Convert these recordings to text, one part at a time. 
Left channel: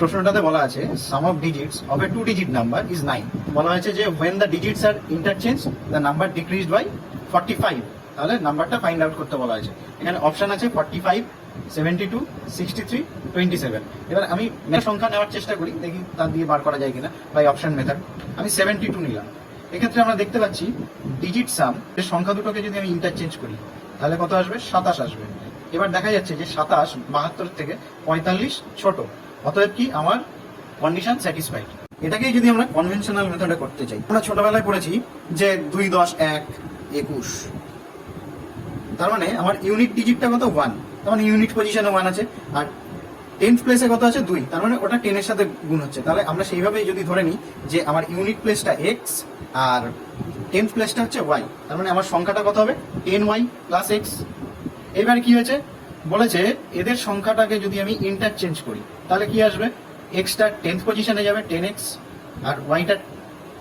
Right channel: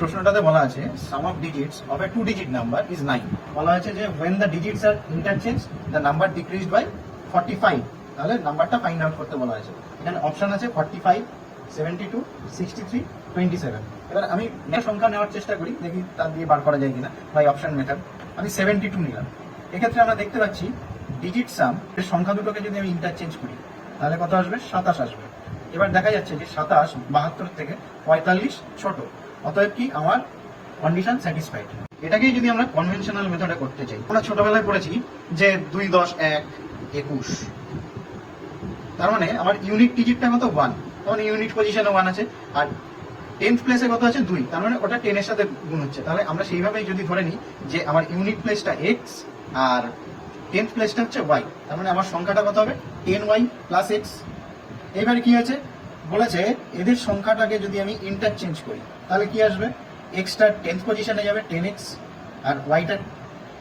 প্রশ্নটাতে বলা আছে sum of digits of a 2-digit number is 9। বলা আছে যে when the digits are interchanged the number decreased by 45। তাহলে নাম্বারটা ফাইন্ড আউট করতে বলা আছে। এখানে অপশন আছে 45, 72, 63, 27। এবার আমি সংখ্যা নেওয়ার চেষ্টা করি, দেখি তা দিয়ে বার করা যায় কিনা বাই অপশন মেথড। আমি 72 নিলাম। এক্ষেত্রে আমরা দেখতে পাচ্ছি ডিজিট সাম এর সংখ্যা দুটোকে যদি আমি ইন্টারচেঞ্জ করি তাহলে কত আসবে? 27 আসবে। এবার দেখা যাচ্ছে যে 27 72 থেকে 45 ছোট, অতএব কি আমার কন্ডিশন স্যাটিসফাইড। এটাকেই যদি আমরা কনভেনশনাল মেথডে করতে চাই, আমরা ছোটবেলায় পড়েছি যে 2, 10, 1, 21। তার মানে আমার ইউনিট ডিজিটটা কত? 1। তার মানে ইউনিট পজিশনে 1 আছে, আর 10th প্লেসে কত আছে? 2। তার মানে ওটা 10 এর সাথে গুণ হচ্ছে। তাহলে আমরা সেইভাবেই যদি ধরে নিই যে আমার ইউনিট প্লেসটা x আর 10th প্লেসটা হচ্ছে y, তার মানে আমার সংখ্যাটা কত হবে? 10y plus x। এবার কি হয়েছে? বলেছে এদের সংখ্যাটাকে যদি আমি ইন্টারচেঞ্জ করি তাহলে কি আসবে? এক্সটা 10th পজিশনে যাবে 10x, আর ওয়াইটা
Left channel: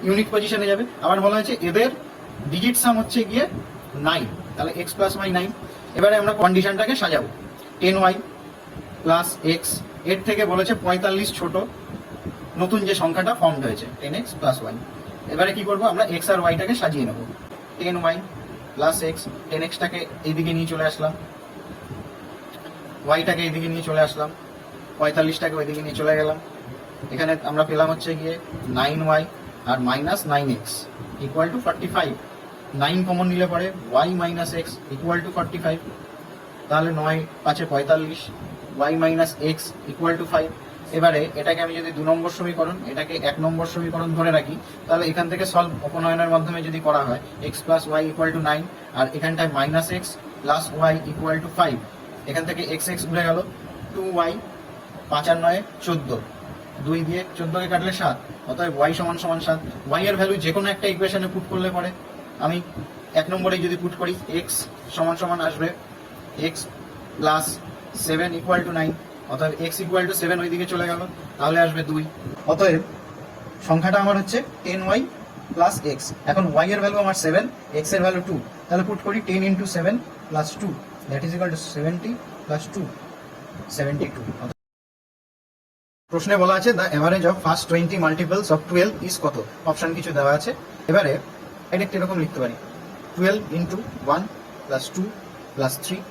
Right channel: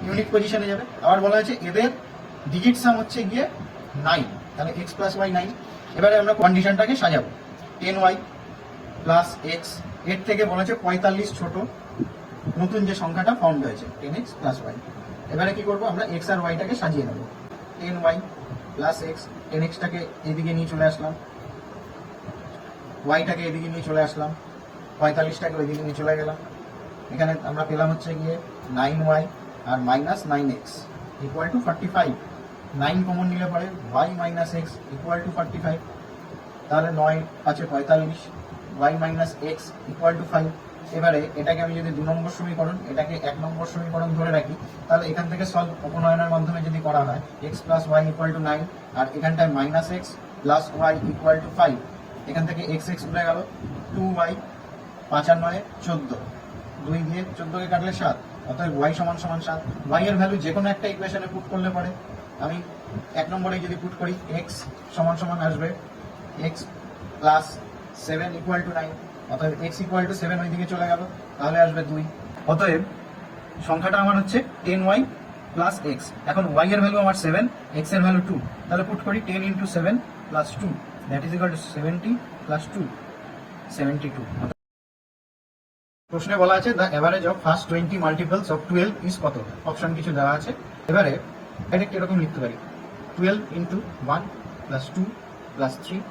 ইউনিট পজিশনে যাবে। আবার বলা হয়েছে এদের ডিজিট সাম হচ্ছে গিয়ে 9, তাহলে x প্লাস y 9। এবারে আমরা কন্ডিশনটাকে সাজাবো। 10y প্লাস x, এর থেকে বলেছে 45 ছোট নতুন যে সংখ্যাটা ফর্ম হয়েছে 10x প্লাস y। এবারে কি করবো? আমরা x আর yটাকে সাজিয়ে নেব। 10y প্লাস x, 10xটাকে এদিকে নিয়ে চলে আসলাম, ওয়াইটাকে এদিকে নিয়ে চলে আসলাম, 45টাকে ওইদিকে নিয়ে চলে গেলাম। এখানে আমরা পেলাম হচ্ছে গিয়ে 9y আর minus 9x equal to 45। 9 common নিলে পরে y minus x equal to 45। তাহলে 9 5 45, y minus x equal to 5। এবারে এটাকে আমি যদি 2 নম্বর সমীকরণ, এটাকে 1 নম্বর সমীকরণ ধরে রাখি, তাহলে এখান থেকে সলভ অপনয়নের মাধ্যমে যদি করা হয় x plus y equal to 9, আর এখানটায় minus x plus y equal to 5। এখান থেকে x x উঠে গেল, 2y 5 আর 9 14, 2 দিয়ে 14কে কাটলে 7, অতএব y সমান সমান 7। y এর ভ্যালু যে কোনো একটা ইকুয়েশনে পুট করলে পরে আমি 1 নম্বরে যদি পুট করি x সমান সমান আসবে x প্লাস 7 ইকুয়াল টু 9, অতএব x ইকুয়াল টু 7 ওইদিকে চলে গেল, তাহলে আসবে 2। অতএব সংখ্যাটা আমার হচ্ছে 10y প্লাস x। এখন y এর ভ্যালু আমার 7, x এর ভ্যালু 2, তাহলে পুট করি 10 into 7 plus 2, that is equal to 70 plus 2, 72। প্রশ্নে বলা আছে the average of first 20 multiples of 12 is কত? অপশন কিছু দেওয়া আছে। এবারে ডাইরেক্ট এরকম লিখতে পারি 12 into 1 plus 2 plus 3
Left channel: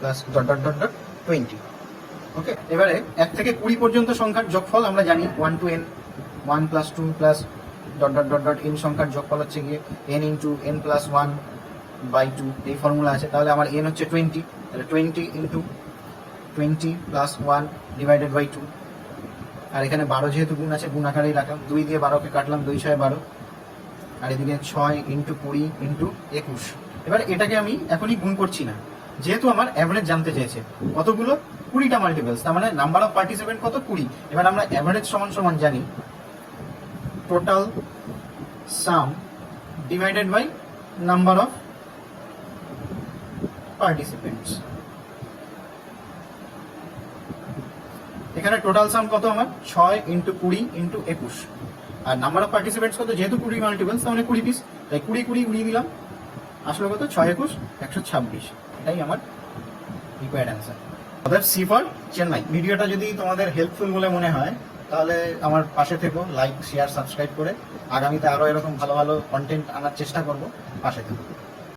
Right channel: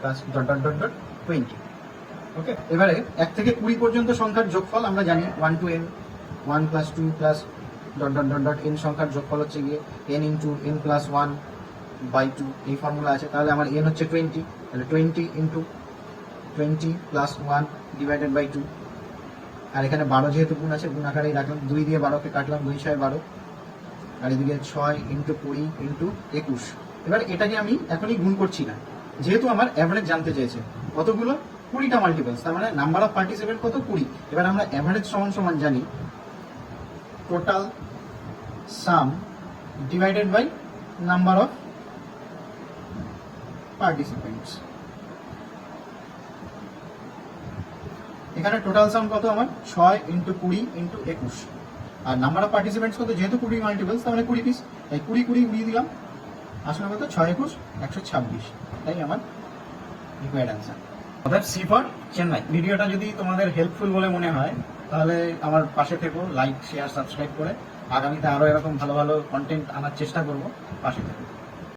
plus dot dot dot dot 20। ওকে, এবারে 1 থেকে 20 পর্যন্ত সংখ্যার যোগফল আমরা জানি 1 to n, 1 plus 2 plus dot dot dot dot n সংখ্যার যোগফল হচ্ছে গিয়ে n into n plus 1 by 2, এই ফর্মুলা আছে। তাহলে আমার n হচ্ছে 20, তাহলে 20 ইন্টু 20 প্লাস 1 ডিভাইডেড বাই 2। আর এখানে 12 যেহেতু গুণ আছে, গুণ আকারেই রাখলাম, 2 দিয়ে 12কে কাটলাম, 2 6 12, আর এদিকে 6 ইন্টু 20 ইন্টু 21। এবার এটাকে আমি এখনই গুণ করছি না, যেহেতু আমার অ্যাভারেজ জানতে চেয়েছে কতগুলো? 20টা মাল্টিপলস, তার মানে নাম্বার অফ পার্টিসিপেন্ট কত? 20। এবার আমরা অ্যাভারেজ সমান সমান জানি total sum divided by number of participants. এখানে টোটাল সাম কত আমার? 6 ইন্টু 20 ইন্টু 21, আর নাম্বার অফ পার্টিসিপেন্টস কত? যেহেতু 20 মাল্টিপলস, তার মানে 20 পিস, তাই 20 20 উড়িয়ে দিলাম, আসলে কত? 6 21 126। এটাই আমার রিকোয়ার্ড অ্যান্সার। অর্থাৎ সি ফর চেন্নাই। ভিডিওটা যদি তোমাদের হেল্পফুল বলে মনে হয় তাহলে আমার পাশে থেকো, লাইক শেয়ার সাবস্ক্রাইব করে। আগামীতে আরও এরকম ভালো ভালো কন্টেন্ট আনার চেষ্টা করবো, পাশে থেকো।